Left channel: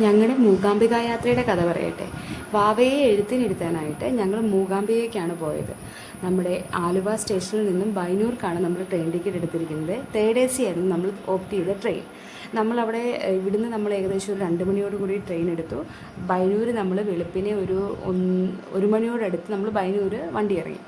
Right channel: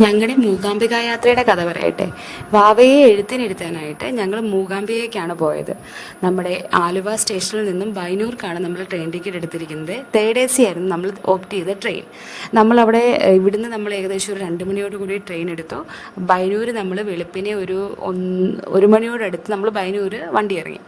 ഞങ്ങളുടെ മൂകാംബിക യാത്രയുടെ കഥ പറയട്ടെ. വാവയെ എഴുത്തിനിരുത്താനായിട്ട് ഞങ്ങൾ മൂകാംബികയ്ക്കാണ് പോയത്. നമ്മുടെ ആലുവ സ്റ്റേഷനിൽ നിന്നും ബൈനൂർക്കാണ് നമ്മൾ ട്രെയിൻ ടിക്കറ്റ് എടുത്തിരിക്കുന്നത്. തേർഡ് AC ആയിരുന്നു നമ്മൾ ഓപ്റ്റ് ചെയ്ത ട്രെയിൻ. നമ്മളവിടെ ഇവിടുന്ന് നമ്മൾ ഏകദേശം ഒരു 2 മണിയോടുകൂടി ട്രെയിൻ എടുത്തു. ബൈനൂർ നമ്മൾ വെളുപ്പിനെ ഒരു മണിയോടടുത്ത് നമ്മൾ ബൈനൂർ വണ്ടി ഇറങ്ങി.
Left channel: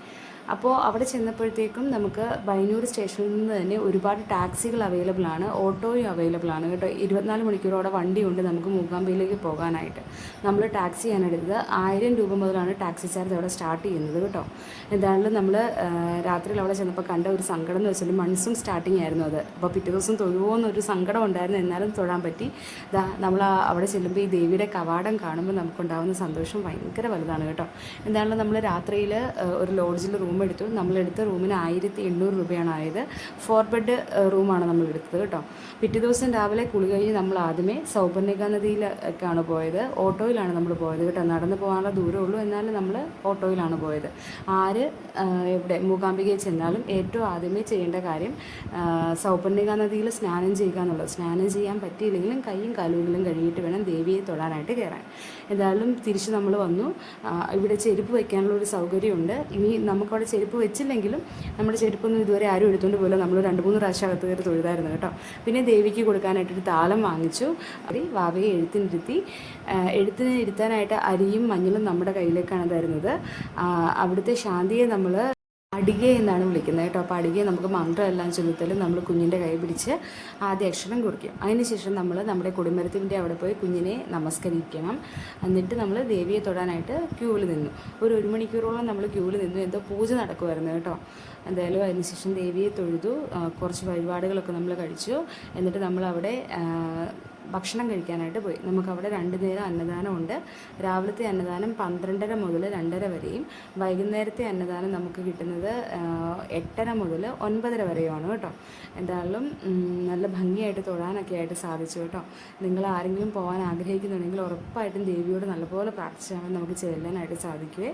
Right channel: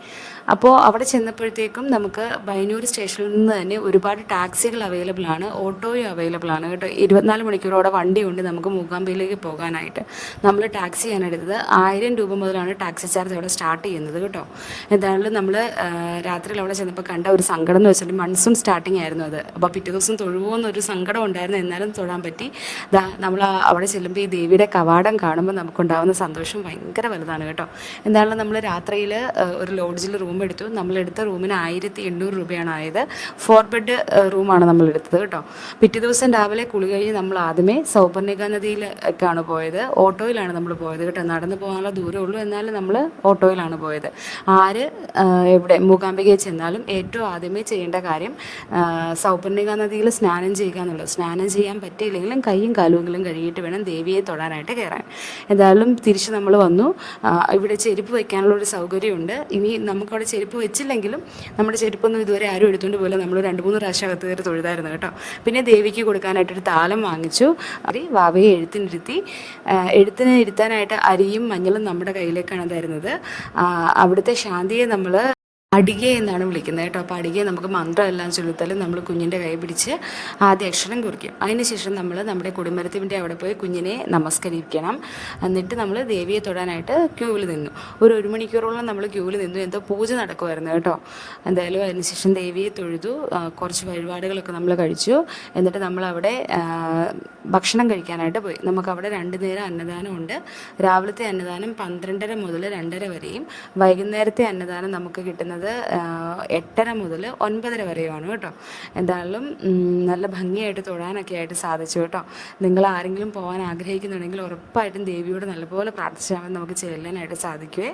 അപ്പോൾ അവിടെ ചെന്നപ്പോഴത്തേക്കും നമുക്ക് ബൈനൂർ സ്റ്റേഷനിൽ നിന്ന് തന്നെ ഒരുപാട് ടാക്സികൾ അവൈലബിൾ ആണ്, ഓട്ടോയും അവൈലബിൾ ആണ് കേട്ടോ. 24 മണിക്കൂറോടെ വണ്ടിയുണ്ട് നമുക്ക് മൂകാംബികയിലേക്ക് പോകാനായിട്ട്. നമ്മൾ ടാക്സിയാണ് എടുത്തത്. 1000 രൂപ മുതലാണ് ടാക്സി ചാർജ് അവിടെ സ്റ്റാർട്ട് ചെയ്യുന്നത് കേട്ടോ. എന്തായാലും നമ്മൾ രാത്രിയിൽ അവിടെ ചെന്നപ്പോൾ കണ്ട ഒരു സങ്കടം എന്ന് വെച്ചിട്ടുണ്ടെങ്കിൽ മൺസൂൺ സ്റ്റാർട്ടിങ് ആയിരുന്നു അത്. അപ്പോൾ പിറ്റേ ദിവസം തൊഴുവോ എന്നൊരു സങ്കടം ഉണ്ടായിരുന്നു, എന്നാലും തൊഴാൻ പറ്റി. നമ്മൾ അവിടെ ചെല്ലുമ്പോൾ ഈ ദേവിയുടെ കവാടം കാണുമ്പോൾ നമുക്കുണ്ടാകുന്ന സന്തോഷം ഭയങ്കര വലുതാണ് കേട്ടോ. എന്തായാലും നമ്മൾ രാത്രിയിൽ ഒരു ലോഡ്ജിൽ റൂം എടുത്തു. നമ്മളെടുത്ത റൂമിന് 1800 രൂപയാണ് ആയത്. 4 ബെഡ് റൂമാണ് നമ്മൾ എടുത്തത് കേട്ടോ. പിറ്റേ ദിവസം രാവിലെ കുളി കഴിഞ്ഞ് നമ്മൾ ആദ്യമേ സൗപർണിക നദിയിലേക്കാണ് പോയത്. ഓട്ടോയിലാണ് നമ്മൾ പോയത് കേട്ടോ. നടന്നു പോകാനുള്ള ദൂരമേ ഉള്ളൂ, എന്നാലും നമ്മൾ ഓട്ടോയിലാണ് പോയത്. എവിടെ മൂകാംബികയിൽ ചെന്നാലും ഏറ്റവും ആദ്യമേ ചെയ്യേണ്ട കാര്യം സൗപർണിക നദിയിൽ സ്നാനം ചെയ്യുക എന്നുള്ളത്. സ്നാനം ചെയ്യാൻ പറ്റിയില്ലെങ്കിലും കൈയും കാലുമെങ്കിലും കഴുകിയിട്ട് വേണം ദേവിയെ തൊടാനായിട്ട് കയറാൻ. എന്തായാലും തിരിച്ച് നമ്മൾ വന്നു. ഇവിടെ ചെരുപ്പ് വയ്ക്കാനുള്ള ഒരു സൗകര്യമുണ്ട്. ഇനി നമുക്കവിടെ ചെരുപ്പ് വെച്ചില്ലെങ്കിലും നമ്മുടെ ചെരുപ്പൊന്നും ഇതുവരെ ആരും എടുത്തുകൊണ്ട് പോയില്ല. നമ്മൾ 2-3 പ്രാവശ്യം അകത്ത് കയറി തൊഴുതായിരുന്നു കേട്ടോ. പിന്നെ ദേവിക്ക് കൊടുക്കാനായിട്ടൊരു താലം വാങ്ങിച്ചു. വാവയെ എഴുത്തിന് ഇരുത്താനായിട്ട് അരിയും മഞ്ഞളും നമ്മുടെ കയ്യിലേക്കാണ് തരുന്നത്. അവിടുത്തെ ശാന്തിയെ നമ്മൾ അടിക എന്നാണ് വിളിക്കുന്നത് കേട്ടോ. അപ്പോൾ അടികയെ നമുക്ക് മന്ത്രമെല്ലാം ചൊല്ലിത്താലും നമ്മൾ കുഞ്ഞിൻ്റെ കൈ പിടിച്ച് ആദ്യ അക്ഷരം കുറിക്കും. അതിനുശേഷം നമ്മൾ നമ്മുടെ കൊടിമരത്തിൻ്റെ അവിടെ പോയി കുഞ്ഞിനെ നമസ്കരിക്കണം. എന്നിട്ട് നമ്മൾ ദേവിയെ തൊടാനായിട്ട് ക്യൂവിൽ നിന്നു. ഒരു മണിക്കൂറോളം നമ്മൾ ക്യൂവിൽ നിന്നു. എന്തോ പൂജ നടക്കുമായിരുന്നു കേട്ടോ. എന്തായാലും അതിനുശേഷം ദേവിയെ തൊഴുതു. കുറച്ച് വഴിപാടുകളൊക്കെ നമ്മൾ കഴിച്ചു. എന്നിട്ട് നമ്മളവിടെ ഭക്ഷണം കഴിക്കാനായിട്ട് പോയി. നമുക്കവിടെ 2 നേരം അന്നദാനമുണ്ട്. രാവിലത്തെ അന്നദാനം 12:30 മുതൽ 2:30 വരെയും വൈകുന്നേരത്തെ അന്നദാനം നമുക്ക് കിട്ടുന്നത് 8:30 മുതൽ 9:30 വരെയുമാണ് കേട്ടോ. എന്തായാലും നല്ല ഭംഗിയായിട്ട് തൊഴാനൊക്കെ ആയിട്ട് സാധിച്ചു കേട്ടോ. നിങ്ങൾ ആരെങ്കിലും പോകാൻ ആഗ്രഹിക്കുന്നുണ്ടെങ്കിൽ ഉറപ്പായിട്ടും ദേവിയോട് നല്ലപോലെ പ്രാർത്ഥിച്ചാൽ നമുക്ക് ചെല്ലാനായിട്ട് സാധിക്കുമേ.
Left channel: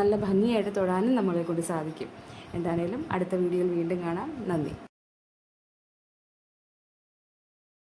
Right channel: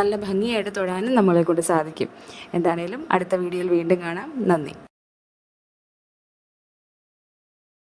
നല്ല ഭംഗിയായിട്ട് തൊഴാനും നമ്മളെ കൊണ്ട് സാധിക്കും. എന്താണേലും അടുത്ത വീഡിയോയിൽ വീണ്ടും കാണാം. നന്ദി.